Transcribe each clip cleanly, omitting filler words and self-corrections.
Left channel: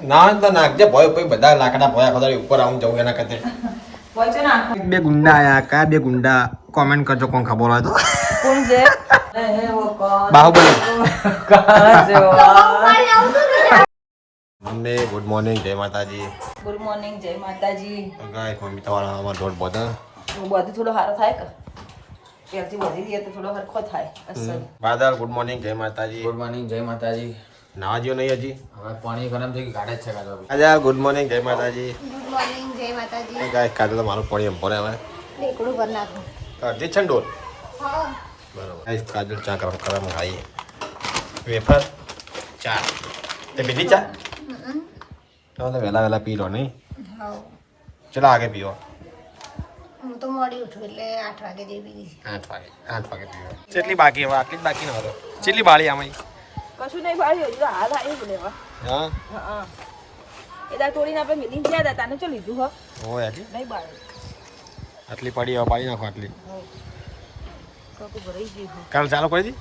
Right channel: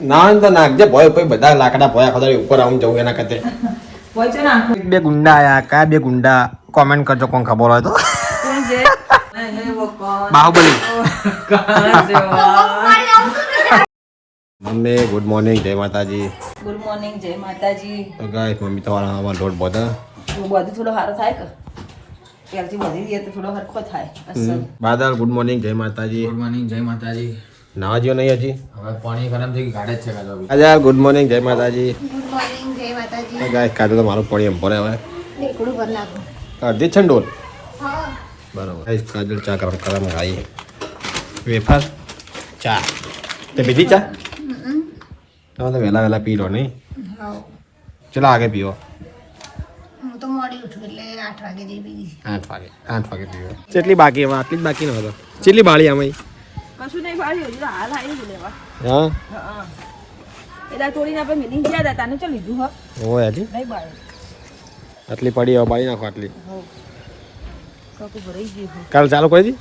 ના તો નાખજે ભોય પછી બધા લાકડા ભોયા ખોદાડી ઉપર આવું જવું એના કરતે વચ્ચે નાખો. બે ગુંડા આયા કયા બે ગુંડા કોમેન્ટ કરજો કોણ ખબર હોય તો કોણ છે? બાહુબલી કાં છે? મમ્મી ગુડ મોર્નિંગ જય માતાજી ગુડ મોર્નિંગ, જય માતાજી. તો ગાઈસ મમ્મી તમારા આમાં લોટ બધા બધું થોડો સારો થાય કે ત્યારથી વધી ગયા તો થોડો હરખો થાય. અસર. બાદલ ગુડ મોર્નિંગ જય માતાજી ગુડ મોર્નિંગ જય માતાજી. નાવા જેવું નહીં હજી હવે પાણી ગરમ થઈ ગયું ગાડે જ છે કાં તો. આજે ગુડ મોર્નિંગ જય માતાજી ગુડ મોર્નિંગ જય માતાજી. ગાઈસ કાલે તો મારું પડી એમ પડે હવે એકડું ભર નાખો. અડધી છે ને ડોલ હા. બરાબર ગાઈસ કાજલ ચા ગરમ ગરમ ખાઈએ વેફર ચા તે પીધી ચા તમે તો વહેલા વહેલા પી લો નહીં હા. ચલો આગે પીવો હું તો મોડી ઉઠું એટલે 8 વાગે જેવી. 8 વાગે પીવો કેટલી બાકી હવે આટલી જ બાકી ન હતો કેટલી બાળી આમાં કશું નહીં પાડ્યું હજુ હાલ આવી લેવા. હા હા. એટલે થોડી આપણે મિલી ગયા હતા તાને ચાલ લીધું હા હોય હજી નહીં બાળે. આટલી પડી હવે બાળી નાખો આટલી કાકુ ભરાઈ ગયું હા. કાલ ચાલુ કરી દી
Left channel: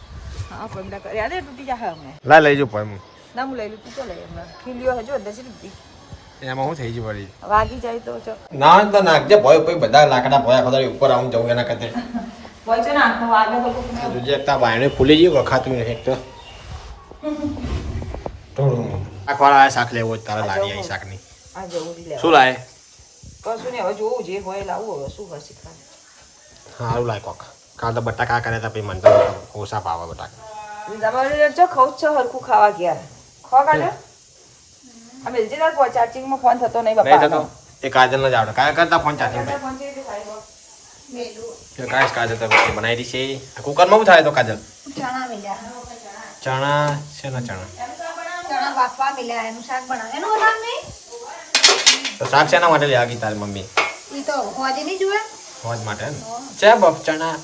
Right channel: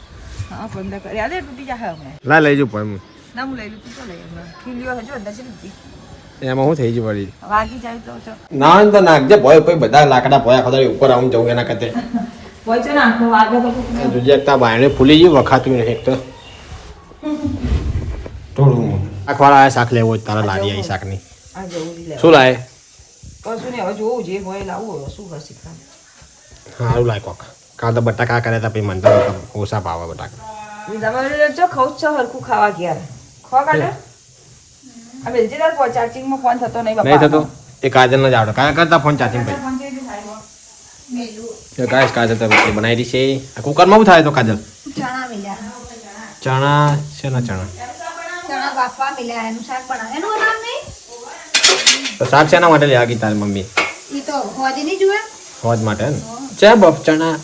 હા પંદર કરી યાદ તૂટી જાય હમણાં. લા લઈ જવું પડે ના હું લઈ લીધી ચાલે હમણાં ખુલ્યો હજુ અંદર છે લીધી એમાં હું થઈ ગયું પડી વાગી જાય તો ના તો નાખજે ભોય પછી બધા લાકડા ભોયા ખોદાડી ઉપર આવું જવું એના કરતે વચ્ચે નાખો વાગે તો જોજે એકતા બાયણે ફૂલી ગયું વખાતું નહીં એક તો થોડું શાકવાળા આ શાક લેવો હોય તારા લારી આવી શાકની આ જવું જ લે. શું લાય કશું નહીં હવે જોવું જે હોય લાવવું હવે શું કરશે ખાને. સારું લાય કોક કાં તો બટાકા કરે તો પછી મને તો ઓછા ભાવે બટાકા તમારે જો ખાવું જ છે હરખું ખાવા ગયા ખો કાઢે આ વેલજીદાર પર ચાર્જિંગમાં ફોન થતો નહીં નહીં બાપા થતો એ કાજલ ન જ આવડે કાંઈ કરતા ફોન ચાર્જિંગ પછી મેલું કાંઈ કાજલ તો રોટલી બનાવી દી છે આ કુકરમાં શું થાય તો કાજલ ચણા મિલ્યા. ચણા છે ને ચણા ચણા બાફવા મિલ્યા એનું શાક બનાવે. એનું નામ નહીં તો શાક શેના માટે લેવા ગઈ તારી મમ્મી એ તો હોજી નહીં જુએ. ફોજ માટે ને છે બફ ચણા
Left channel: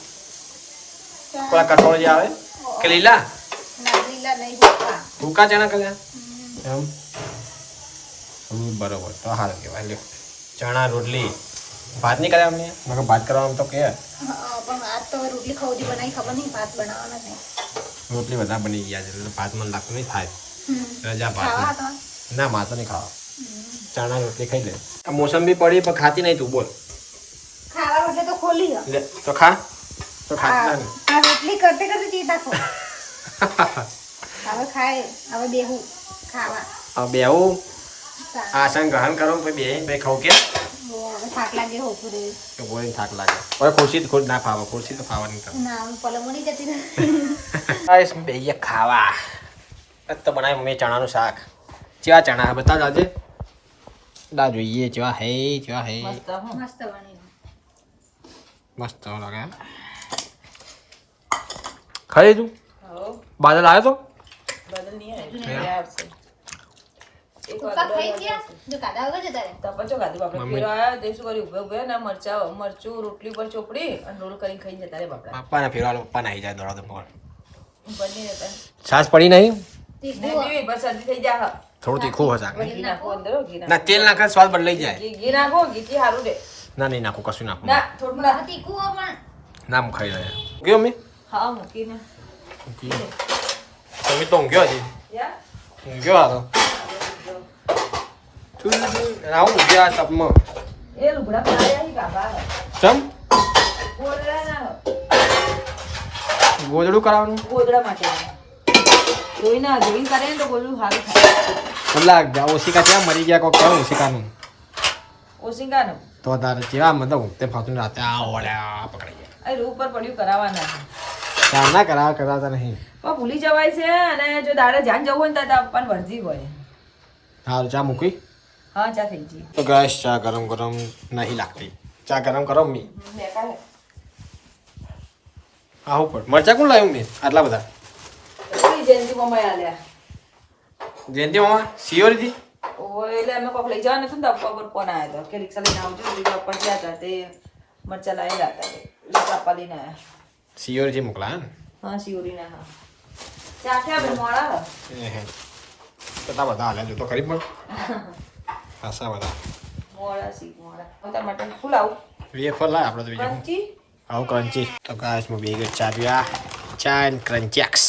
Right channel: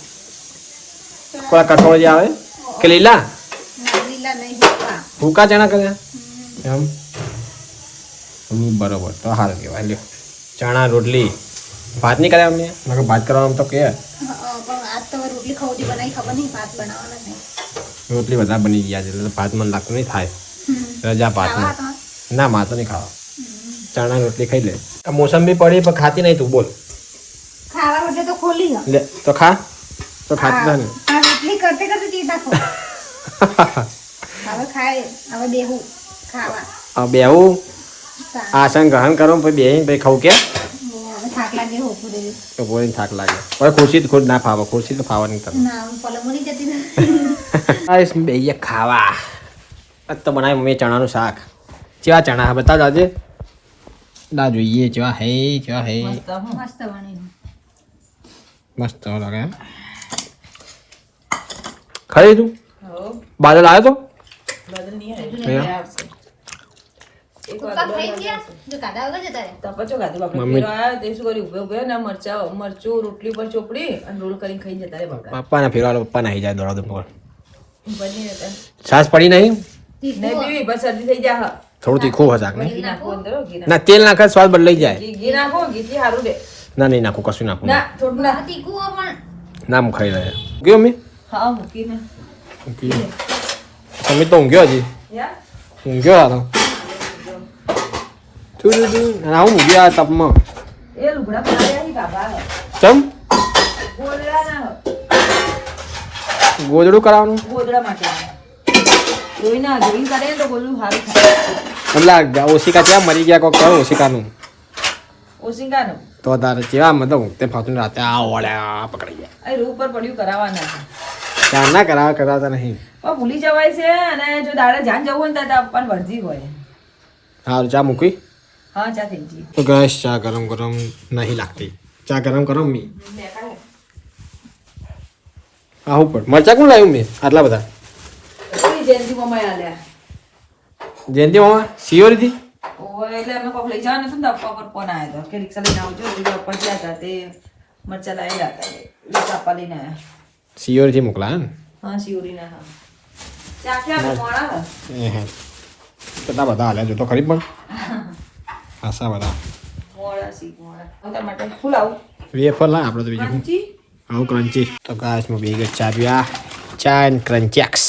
કોઈ કઠોળ જે આવે કે લીલા ના લીલા નહીં હોતા. ભૂકા ચણા કર્યા એમ બરોબર તો હાલ કહેવાય લ્યો ચણા રોટલી ભાત નહીં કર્યા અમને મેં ભાત કરવાનું તો કે પણ આજ તો રોટલી ખવડી બનાવી ખબર નહીં ભાત બનાવવાના છે. રોટલી બધા બની ગયા છે એટલે ભાત મને લાગતું નહીં થાય રજા ભાત ખાવા તો ના માં તો નહીં ખાવા ચણા રોટલી ખાઈ લે આ મોસંબી પડી પણ ખાતી નહીં તું બોલ ખાવા રોટલી તો ખોલી દો. લે તો ખા તો ખાતી ના ને આ રોટલી કરતે કરતે ચીજ નાખો. હવે ખાય હવે બેહું ખાવા. બેવું આસન ગ્રહણ કરો પછી બે પછી ખાવું કે હવે થાક લાગે હોતું દે. તો બોલીને થાક લાગે હવે ખુરશી તો ખુદ ના ફાવે ખુરશી તો ફાવા નહીં તમે ના હું પલંગ મળી જતી ને. બે ખાવા આજ તો બનાવી મમ્મી ચણાનું શાક કેવા ચણા બતા દાજે ના જોઈએ કેવા હે મસ્ત બની. મસ્ત લાગે એમ ખાઈ તું હો બાદલ આવ્યો તો બદલ નહીં આવે. અહીંયા? આવશે. એક વાર પપ્પા બદલ ખાઈ આવશે. ગયા? જો કાઢા વગર જતા રહે. તો પછી ખાધું બાપડે મમ્મી- પેલો આયો તે શું કર્યું ઉભો ઉભો ને મરચું રોટલી પર ચોપડી અને રોલ કરીને ખાઈ જતા રે બાપડા પપ્પાને ફેરવાનો પપ્પા નાહી જાય દોડા દોડ બની જતા છાસ પડી નહીં નહીં પીવી બસ શરદી થઈ જાય થોડું તીખું હશે શાક ને ઘી નાખો અંદર હો, ઘી ના તેલ નાખે સ્વાદ બદલાઈ જાય ઘી નાખો ઘીથી સારું રે ના નહીં નાખું કશું નાખું ના થોડું ના તીખું હો પણ ના હું ખાઈ રહ્યા ગયો મમ્મી હા મૂકીને મમ્મી તો ઊંઘ્યો હજી યાર ઊંઘ્યો હાલો હું ઊંઘ્યો આ તપમાં એ લુગડા બનાવ્યા હી બાબા ચમ ગોદડા ના ગોદડું કરાવવાનું ગોદડા માટે જોઈ ના જોઈ કરે ને તો બોલું સારું થાય એટલે ઓશિકા ત્યાં મરી ગયા કોક કરો ઓશિકાનું ઓસિંગા ને તો તારે કેવા મતલબ તે ફાતું રાતે આ ઓળ્યા પકડી ગયા આ રૂ પર પડ્યું કરાવવાના છે ચાર ના કરાવતા નહીં પણ ભૂલી જવાય છે અને જો દાડે જાન જવું હોય ને તો આપવાની વર્જી હોય હા ચા મૂકી હા ચા થઈ ગઈ તો ગેસ ચા ગરમ ગરમ નહીં લાગતી ચા ગરમ કરો મી આવું પડ મરચા કોણ લાવ્યું મેં આટલા બધા કોઈ જયંતિ મમ્મી આલ્યા જયંતિ મામા સિયોરીથી ઓય એટલે અમે કોક લઈ જવાનું હતું ને તો અપ્પા પર ફોન આવ્યો હતો કે રિક્ષા લઈને આવજો એટલે અપ્પા ગયા હતા તે મરચા લાવેલા હતા રિક્ષા અપ્પા લઈને આવ્યા સિયોરીથી મોકલા ને હા શિવરીના હા ચા ક્યાં મોડા કેટલા બધા હાલ્યા જો તો ખરી પણ ખાસા બધા મોડા સી મોડા તમારા માટે ફૂલ આવું વેફર લાય આપણે તો બીજું ક્રંચી આવું ક્રંચી તો ગાઈસ માં બે ચા પીવા ચા એન્ડ ક્રંચેક્સ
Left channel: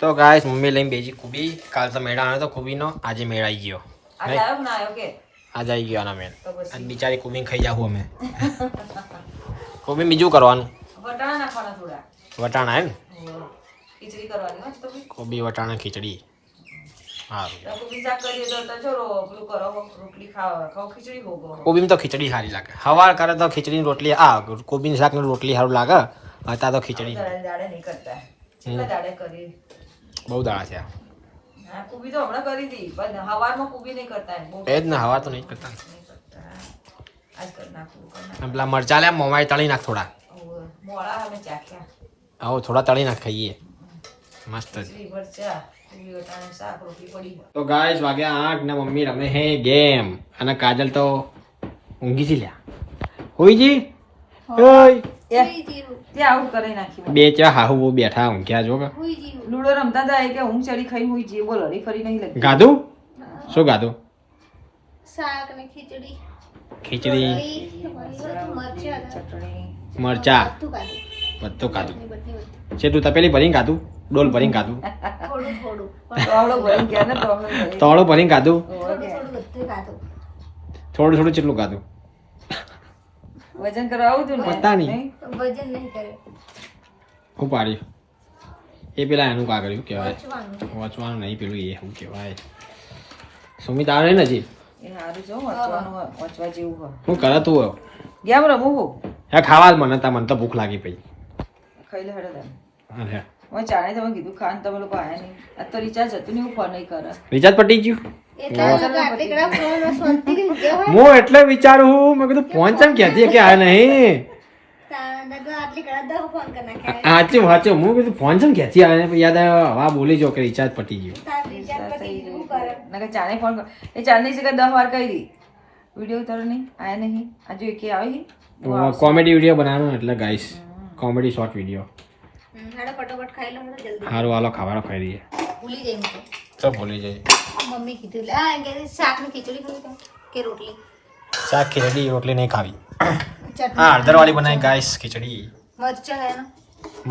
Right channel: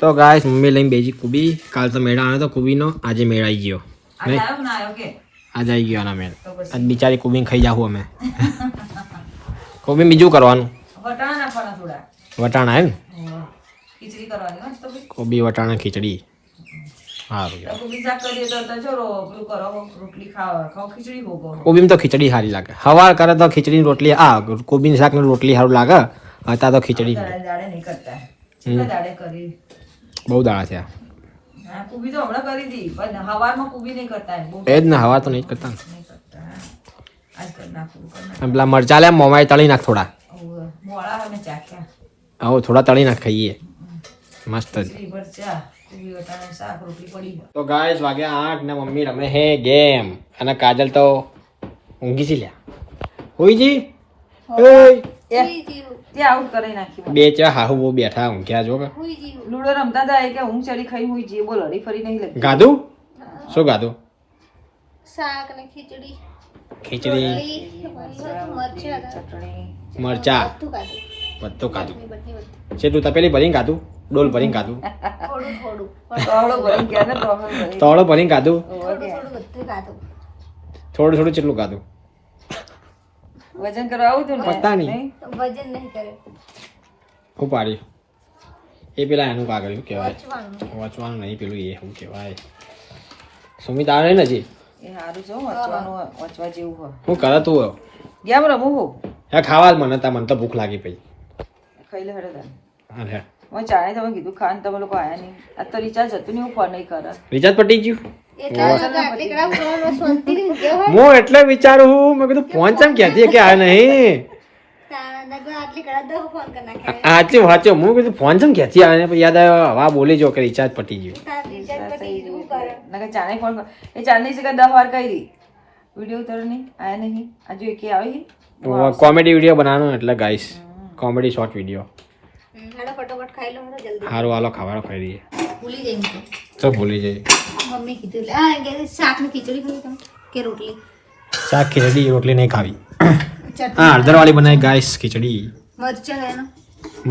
તો ગાઈસ મમ્મી લઈને બેજી કુબી કાલ તો મેળા આવ્યો તો કુબીનો આજે મેળાઈ ગયો આજે આવ્યો ના આવ્યો કે આજ આવી ગયો આના મેન તો પછી આજ બિચારી કોબીન ખાઈ જાવું અમે કોબીન બીજું કરવાનું વટાણા નાખવાના થોડા વટાણા એમ ખીચડી કરવાની હોય તો બી. કોબી વટાણા ખીચડી સારું તો કોબી શાક કરીએ તો ચલો પેલું કરો રોટલી ખાઓ ખીચડી ભોગવો કોબીમાં તો ખીચડી સારી લાગે સવાર કરે તો ખીચડીની રોટલી કોબીની શાકની રોટલી સારું લાગે હતા તો ખીચડી દાડે નહીં કરતા કેટલા દાડે કરી બહુ દાડા છે હા કુબી તો હમણાં કરી હતી પણ હવારમાં કુબી નહીં કરતા બહુ એ જ ને હવા તો નહીં કરતા ને. નહીં કરતા આજ કરી નાખું અને પેલા મરચા લે મોમાય તળી નાખ થોડા મોડા અમે ચાખ્યા આવો થોડા તળી નાખ ખાઈએ મસ્ત જ ખીચડી ભરચા કુબી વટાણા શાક રોટલી પડી તો ગાઈસ વાગ્યા 8 ને મમ્મી રમે હે ગેમ અને કાજલ તો ઊંઘી છે લ્યા હોઈજી ઓય ત્યાં આઉટ કરી નાખી બે ચા હાહુ બહુ બેઠા ઊંઘ્યા જો કે લૂડો રમતા હતા કે ઊંઘ ચડી ખાઈ હોય જે બોલો હરી ફરી નહીં લગતી ગાધું શું ગાધું શાક ને ખીચડી ખીચડી મરચા ચટણી મરચા બધું ખાધું બધું ખાધું બધું છે તું તપેલી ભરીને ખાધું ડોલ ભરીને ખાધું થોડું થોડું તોળો ભરી ગયા ને તોળો ભરી તોળો ભરીને ખાધું થોડું થોડું બધું ખાધું થોડું થોડું કેટલું ખાધું વજન કરવા આવું તું ને પતા નહીં. વજન નહીં કરે હું પાડ્યું એ પેલા એનું કાગળિયું કહેવાય પચવાનું વાંચવાનું નહીં પેલું એ શું કહેવાય સુમિત આવે નહીં ને હજી એ સારું છે હો, વાંચવા જેવું હોય હું કરે તું હવે? ગેમ રમું હું હે ખાવા જ મને મને તો ભૂખ લાગી પઈ ખાઈ લે હેડે તને હા હે હું ચાણે તમે કીધું ખાન તમે લોકો આયા નહીં આ તો રિચાર્જ હતું નહીં હું ફોન નહીં કરે રિચાર્જ પટી ગયું એટલા લોકો આટલી કડા ફોન શાંતિથી ઊંઘે હોય હું એટલે વિચારું મેં કીધું ફોન ચમ ક્યાંથી કે આ નહીં તાણા દગો આટલી કડા દહ ફોન કરી નાખ્યા સાચું સાચું હું કીધું ફોન ચમ ક્યાંથી આવે ને પછી યાદ આવ્યો હવા બોલી જો કે રિચાર્જ પટી ગયું તારા રિચાર્જ પતી ગયું શું કરે નકર ચાણે ફોન કર એ ચાંદની જગ્યાએ 10 વાર કરી વિડીયો ઉતારો નહીં આયા નહીં આજે એકે આવી કોમેડી વિડીયો બનાવવાનો એટલે ગાઈસ કોમેડી શોર્ટ વિડીયો હાડો ફટોફટ ખાઈ લો હાડો જલ્દી સારું હાલો ખાવાનો ખાઈ દઈએ ભૂલી જઈ ને તો ભૂલી જઈએ મમ્મી કીધું એટલે આ કે શાક ને ખીચડી ખાઈ તમે કે રોટલી શાક ખીચડી રોટલી નહીં ખાવી ચટણી હા હળદરવાળી બનાવી ગાઈસ ખીચડી મરચાં લેવાનો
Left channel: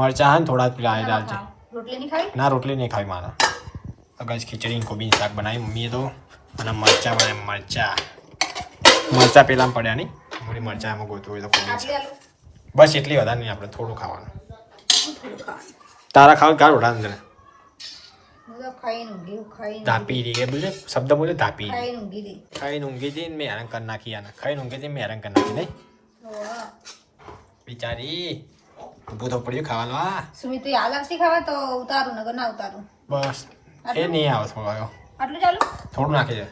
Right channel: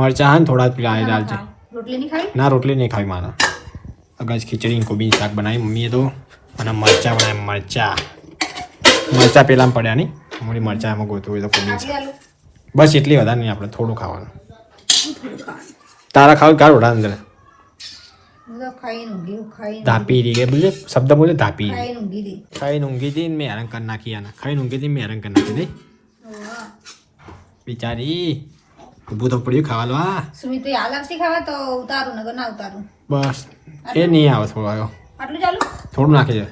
મરચા હા ને થોડા પેલા આ દાલ છે રોટલી નહીં ખાવી ના રોટલી નહીં ખાવી મારા ગાઈસ ખીચડી ને કોબીનું શાક બનાવી મમ્મીએ તો અને મરચા બનાવી મરચા પેલામાં પડ્યા નહીં મળી મરચા એમાં ગોતું હોય તો કોબીનું શાક ચાલો બસ એટલી વધારે નહીં આપણે થોડું ખાવાનું તારા ખાવ કાઢ ઓઢા અંદર ખાઈને ઊંઘી ખાઈને ધાપી રહી ગઈ બોલે શબ્દ બોલે ધાપી રહી ખાઈને ઊંઘી દી ખાઈને ઊંઘી હતી ને મેં હેરાન કરી નાખી આને ખાઈને ઊંઘી હતી મેં હેરાન કરી નાખી નહીં બિચારી ઊભું તો પડ્યું ખાવાનું હા સુમિત તો આલમથી ખાવા તો ઉતારું નગર ના ઉતારું બસ એ નહીં આવે થોડો આવ્યો આટલું ચાલુ થોડું નાખી દે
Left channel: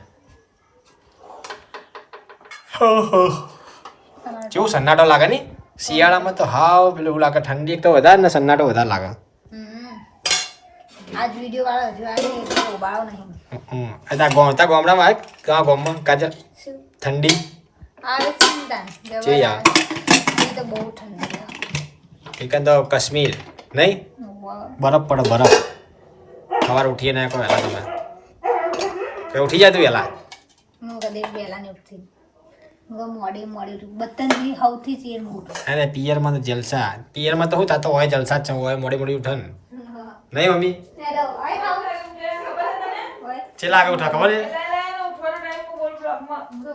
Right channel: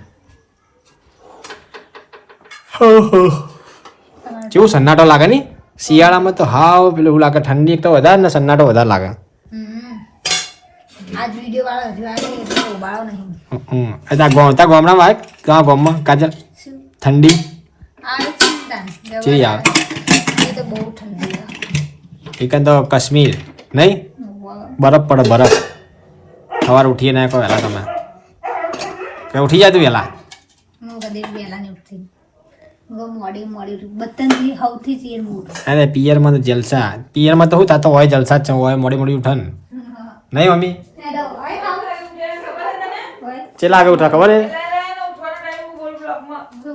કેવું સન્નાટો લાગે નહીં શિયાળામાં તો હાવ પેલું એવું લાગે ઠંડી એક તો વધારે ને સન્નાટો વધારે લાગે આજ વિડીયો વાળો હજુ આવે એટલે ઉબાળો નહીં તા ગામડા વાય ગામ ગામમાં કાજલ શું ઠંડી આવે ચિંતા જે યાર એ તો બહુ ઠંડી એક તો કાશ્મીર નહીં બરફ પડે બરફ સવારે ઉઠીએ ના કહો વહેલા તમે મેં ઉઠી જાય તું વહેલા હું કદી વહેલા નહીં ઉઠતી હું મોડી મોડી બધાથી સૌથી ચીર ઉઠું અરે પિયરમાં તો જલસા પિયરમાં તો શું થતો હોય જલસા જ છે હોય મોડી મોડી ઉઠે ને નહીં મમ્મી ચેલા આગળ ઉઠા ખબર હે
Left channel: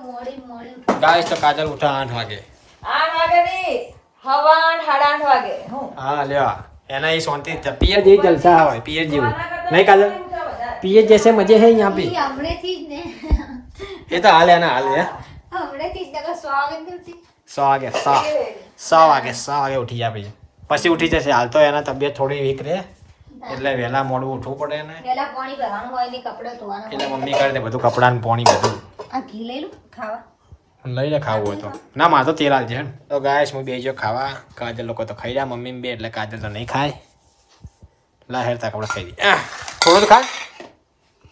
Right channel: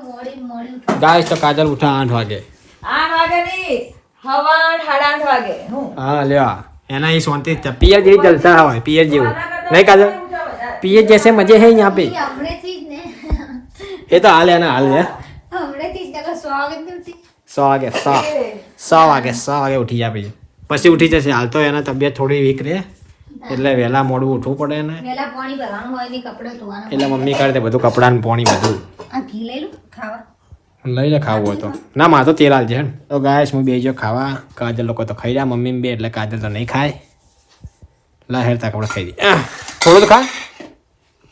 મોડી મોડી ગાય તો કાજલ ઉઠા 8 વાગે 8 વાગે નહીં હવા 8:30 વાગે હું હા લ્યા એના એ શાંતિ પિયર જેવી જલસા હોય પિયર જેવું નહીં કાજલ પિયર જૈસે મજે હે यहाँ पे હમણેથી જ ને એ તો હાલ એના હાલ લે હમણેથી જ નકર સ્વાગત નથી 100 વાગે ઉઠી જાય પછી ઉઠી જશે હાલ તો એના તબિયત થોડી વીક રહે એટલે વહેલા મોડું ઉઠવું પડે ને વહેલા પાણી ભરવાનું હોય ને કપડે ધોવાના એટલે મમ્મી કરે તે બધું કપડાં ને પાણી બધું આ ઘી લઈ લો ખાવા લઈ લે ખાવું હોય તો ના મારે તો તેલ હાલ છે તો ગાયસ હું બેજો ખાવા કાજલ લોકો તો ખાઈ રહ્યા મમ્મી બે એટલે કાજલ તો નહીં ખાય લા હેરતા કપડા ખાઈ દે થોડું તો ખા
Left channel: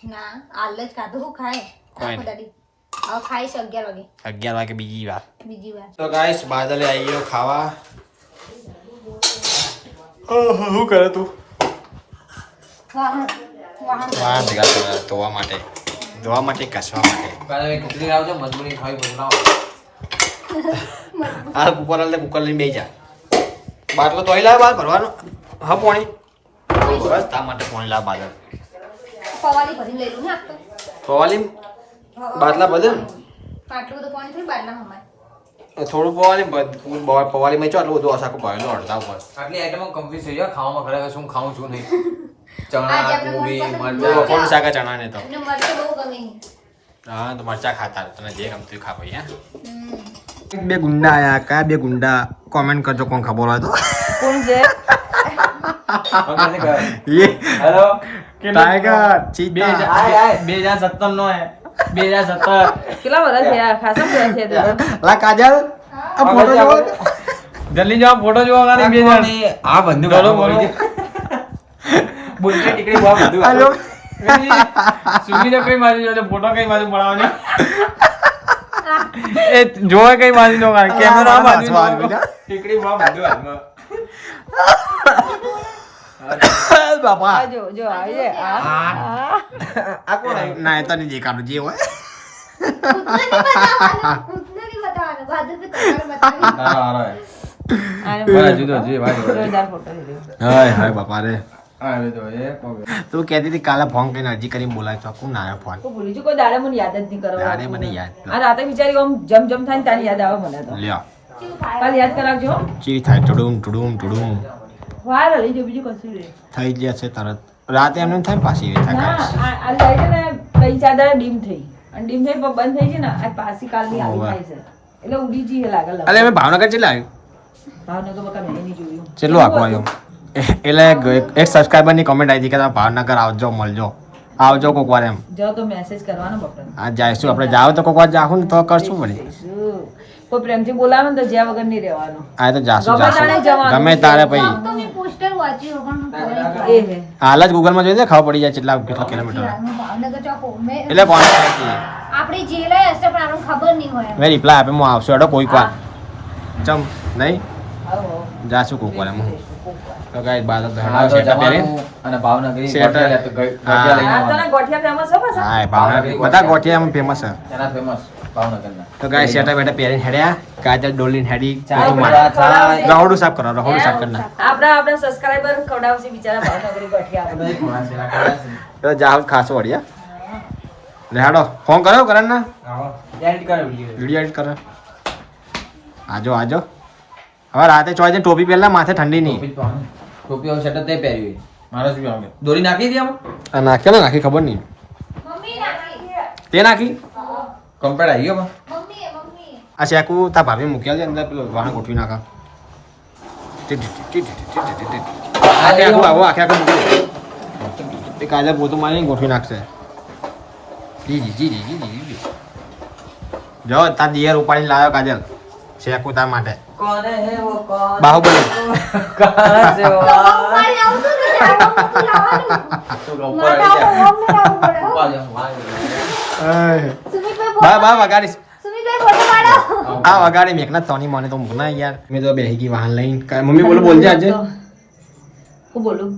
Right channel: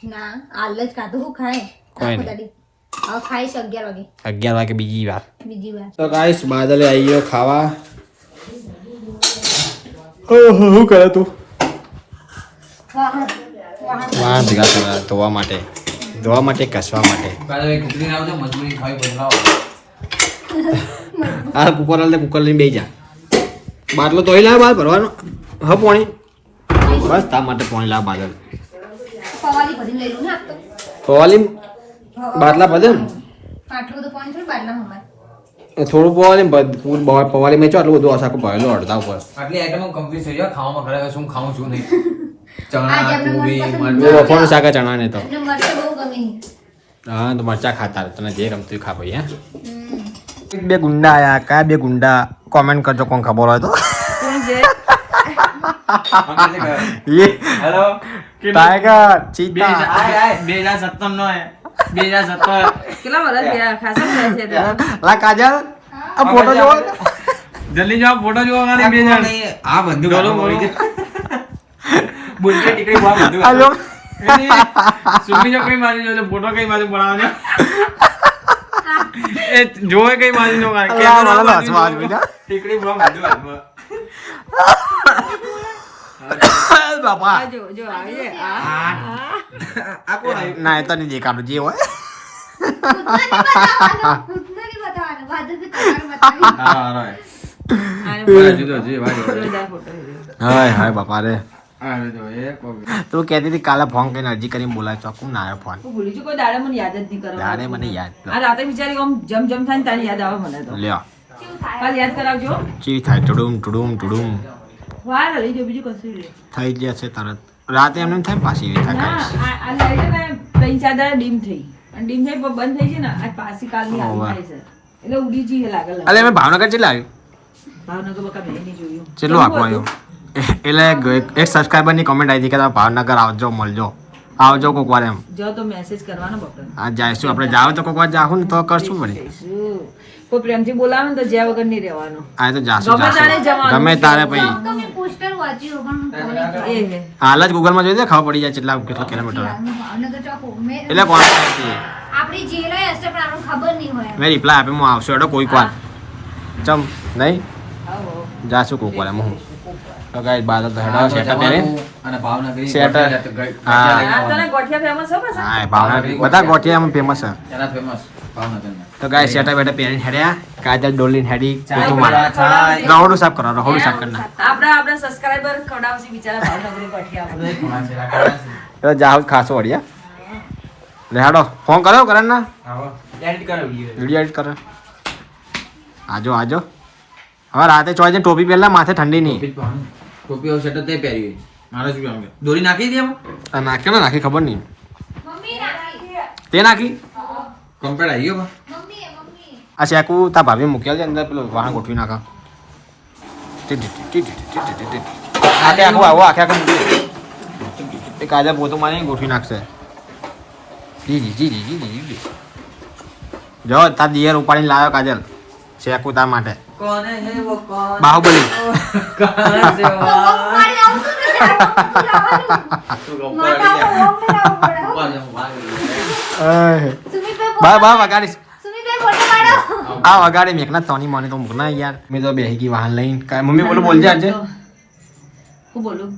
ના આલ જ ખાધું હું ખાય કોઈ નહીં. દાદી હવે ખાઈશ 11 વાગે 11 વાગે બીજી વાર બીજી વાર તો ગાઈસ બાદલે આવી ગયો ખાવા શું કરે તું વાહ ભેગા કરવા ધોવા માટે કસવા માટે કાલે ખીચડી લાવો તો મજબૂરી ખાવી બનાવો આ કુકર હાલ કુકર લઈને બેસી જા બાટલો તો લાવ બહાર ભરવાનો હા પાણી બસ તા માટે પાણી લાવ બાદલ પવાલી ભરી લઈ લઉં ને આપ તો ફવાલી બાટલા બધે ને? આટલું બધું પાણી થોડું બાટલા હમાય. થોડું પવાલી પવાલી મેં આટલું બધું આખું ભરેલું અડધા ઉપર આટલી આઈટમો કમ્પ્લીટ થઈ ગયો ખાવામાં ખરેખર શું ખાવું શું નહીં આ ચણા જે આપણે કોબી મનપસંદ એ વફાનું શાક ચણા ને તો અમને મરચાં બહુ ગમે. હા તો મરચા ખાતા તને જે ગમતું ખા ભાઈ હા હમ. બે ગુંડા આયા કયા બે ગુંડા કોમેન્ટ કરજો કોણ ખબર હોય તો કોણ છે ये હેલો टाइगर चीता 2017 નો હે 2017 કેટલા વર્ષ થયા ખાસા વર્ષ થયા તે. ला काजल अब फोटो जो જલ્દી જાઓ ફોટો જોવા ગાડી બે જણ આ બંધુ ગાલો બોલી કે બોલતે ટીકડી બહુ બંધુ हेलो સુબીને કઈ મારી જો ફોટો કઈ બાજુ બનાવવાનો એ જોવા કઈ બાજુ નો કે अल्लाह वाला स्वाद बेटा ટીકડી બહુ બંધુ હાથમાં बापा આ જો જો આવી છે આ ना इतना नहीं देखा जी वो ખુદને નહીં બતાવવાનું. બાજુ થી તમારે બતાવી. તારો આને બાજુ તો જે બાજુ જોરદાર photo છે. हाय हाय बापा रे આવે તો એ કોઈ तू कहती थी काला फोन के एनर्जी करी बोला तो कौन आया फोन તો ભૂલી છું કોઈ દાડે મને યાદ જ નહીં કરવા दाड़े મને યાદ આ રાતે વિચારી આમ જમ જમ થાય ને તારી યાદ આવે મને તો લ્યો કાલ યાદ કરાવજો ચી થાય ટુડુમ ટુડુમ ટુડુમ વાર લઈ ગયો બીજું કશું નહીં. થઈ જશે તરત રાતે એમને થાય પાછી એવી ના થાય આ લાઈટ ને 3-4 દાડા ડીમ થઈ અને ડીમ થઈ પણ બંધ થઈ છે ને આજ પાછી કાલની આવી ઓવે. થાય છે એટલે ઉડી જઈએ લાગે અલે અમે ભાવનગર ચેટલા આવ્યું ભાવનગર બકા મેં નહીં જોયું ચેટલું આખું આવ્યું એટલે એક સબસ્ક્રાઈબર ની કમેન્ટ આવી હતી કે તમે ભાવનગર આવજો મળજો આવજો કોક વાર એમ જો તો મેસેજ કરવાનો બપોર આ જઈશું આપણે જાવ તો કોક વાર જાહું ને તો કરશું વળી કોઈ પ્રેમથી બોલાવે ને તો જ્યાં વગર નહીં રહેવાનું આ તો જાશું ગમે તારે જાશું જવાનું. ગમે તારે પછી તો મેં પોસ્ટર વાંચ્યું પણ હું ભૂલી ગઈ. એ હે હાલ જ ગૂગલમાં જોઈ દે ખબર પડી જાય કેટલા કેટલા કિલોમીટર હું ભાવનગર ચોકો મેં એટલે કોણ હતી આપણી જેલે હશે પણ આનું ખબર નહીં હોય. મેં રિપ્લાય આપે હું આવશું એડો કોઈક વાર ચમ નહીં આવો જાશું કોઈક વાર એમ હું તો ગાઈસ બાદ ભેડા સેટા પહેરીને અને ભાવનગરી શેટર. ગઠિયા લઈને આ તને આવવાનું ગોઠિયા ફેમસ છે પાછા? હા ભાવનગર બધા ગોઠિયા એમ ફેમસ છે એના ફેમસ ભાવનગરના તો ગાઈસ સેટા બેટા પહેરીને હેડ્યા કાજલ ડોલીને હેડી ચાય તું પીવા, માર ચાય. રહોડું સાફ કરો રહોડું સાફ કરના આપણા સબસ્ક્રાઇબર ખવડાવશે બિચારા ભાવનગરી ગોઠિયા તો જાવ ખાસો વળ્યા લે હાડો ફોન કર્યો કરણ ના વિડીયો એડિટ કરે આજો આજો હવે રાતે ચોઈ ટોપી પહેલા માથે ઠંડી નહીં ટોપી હોય શર્ટ તે પહેરી મારે શું કહેવાનું કે દોરી નાખી હતી આમાં આ નાખ્યો ને નાખી ખબર નહીં મમ્મી નાખી. તે નાખી કમ્પેર આવી ગયો મમ્મી મમ્મી આ શેકુ તા ભાભી મૂકેલ છે અંદર પેલું વાહન ગોઠવી નાખા આખે આખું આવો આખે આખું મૂકી એ કાજા પોતું મારી ગોઠવી નાખશે જી જી જી જી જી જી જો તાર દિયર ઉપાડીને લાવ્યો કાજલ શેકુ તાર માટે કોને હે વો કોણ બાહુબલી મારી આવતું ને બા બા વગાડીશ સુમીબેન ફોટો પાડો. આ વગાડી મેકના તોની મને તો મૂકના યાર મેં તો બેહી ગઈ વાહન લઈને મમ્મી બોલો બોલજે આજે હું બોલું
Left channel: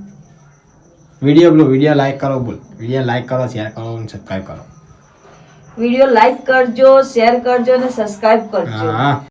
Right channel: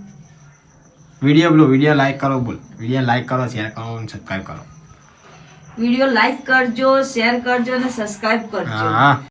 વિડીયો લાઈક કરો બોલ વિડીયો લાઈક કરો શેર કરો અને સબસ્ક્રાઇબ કરો વિડીયો લાઈક કરજો શેર કરજો અને સબસ્ક્રાઇબ કરજો હા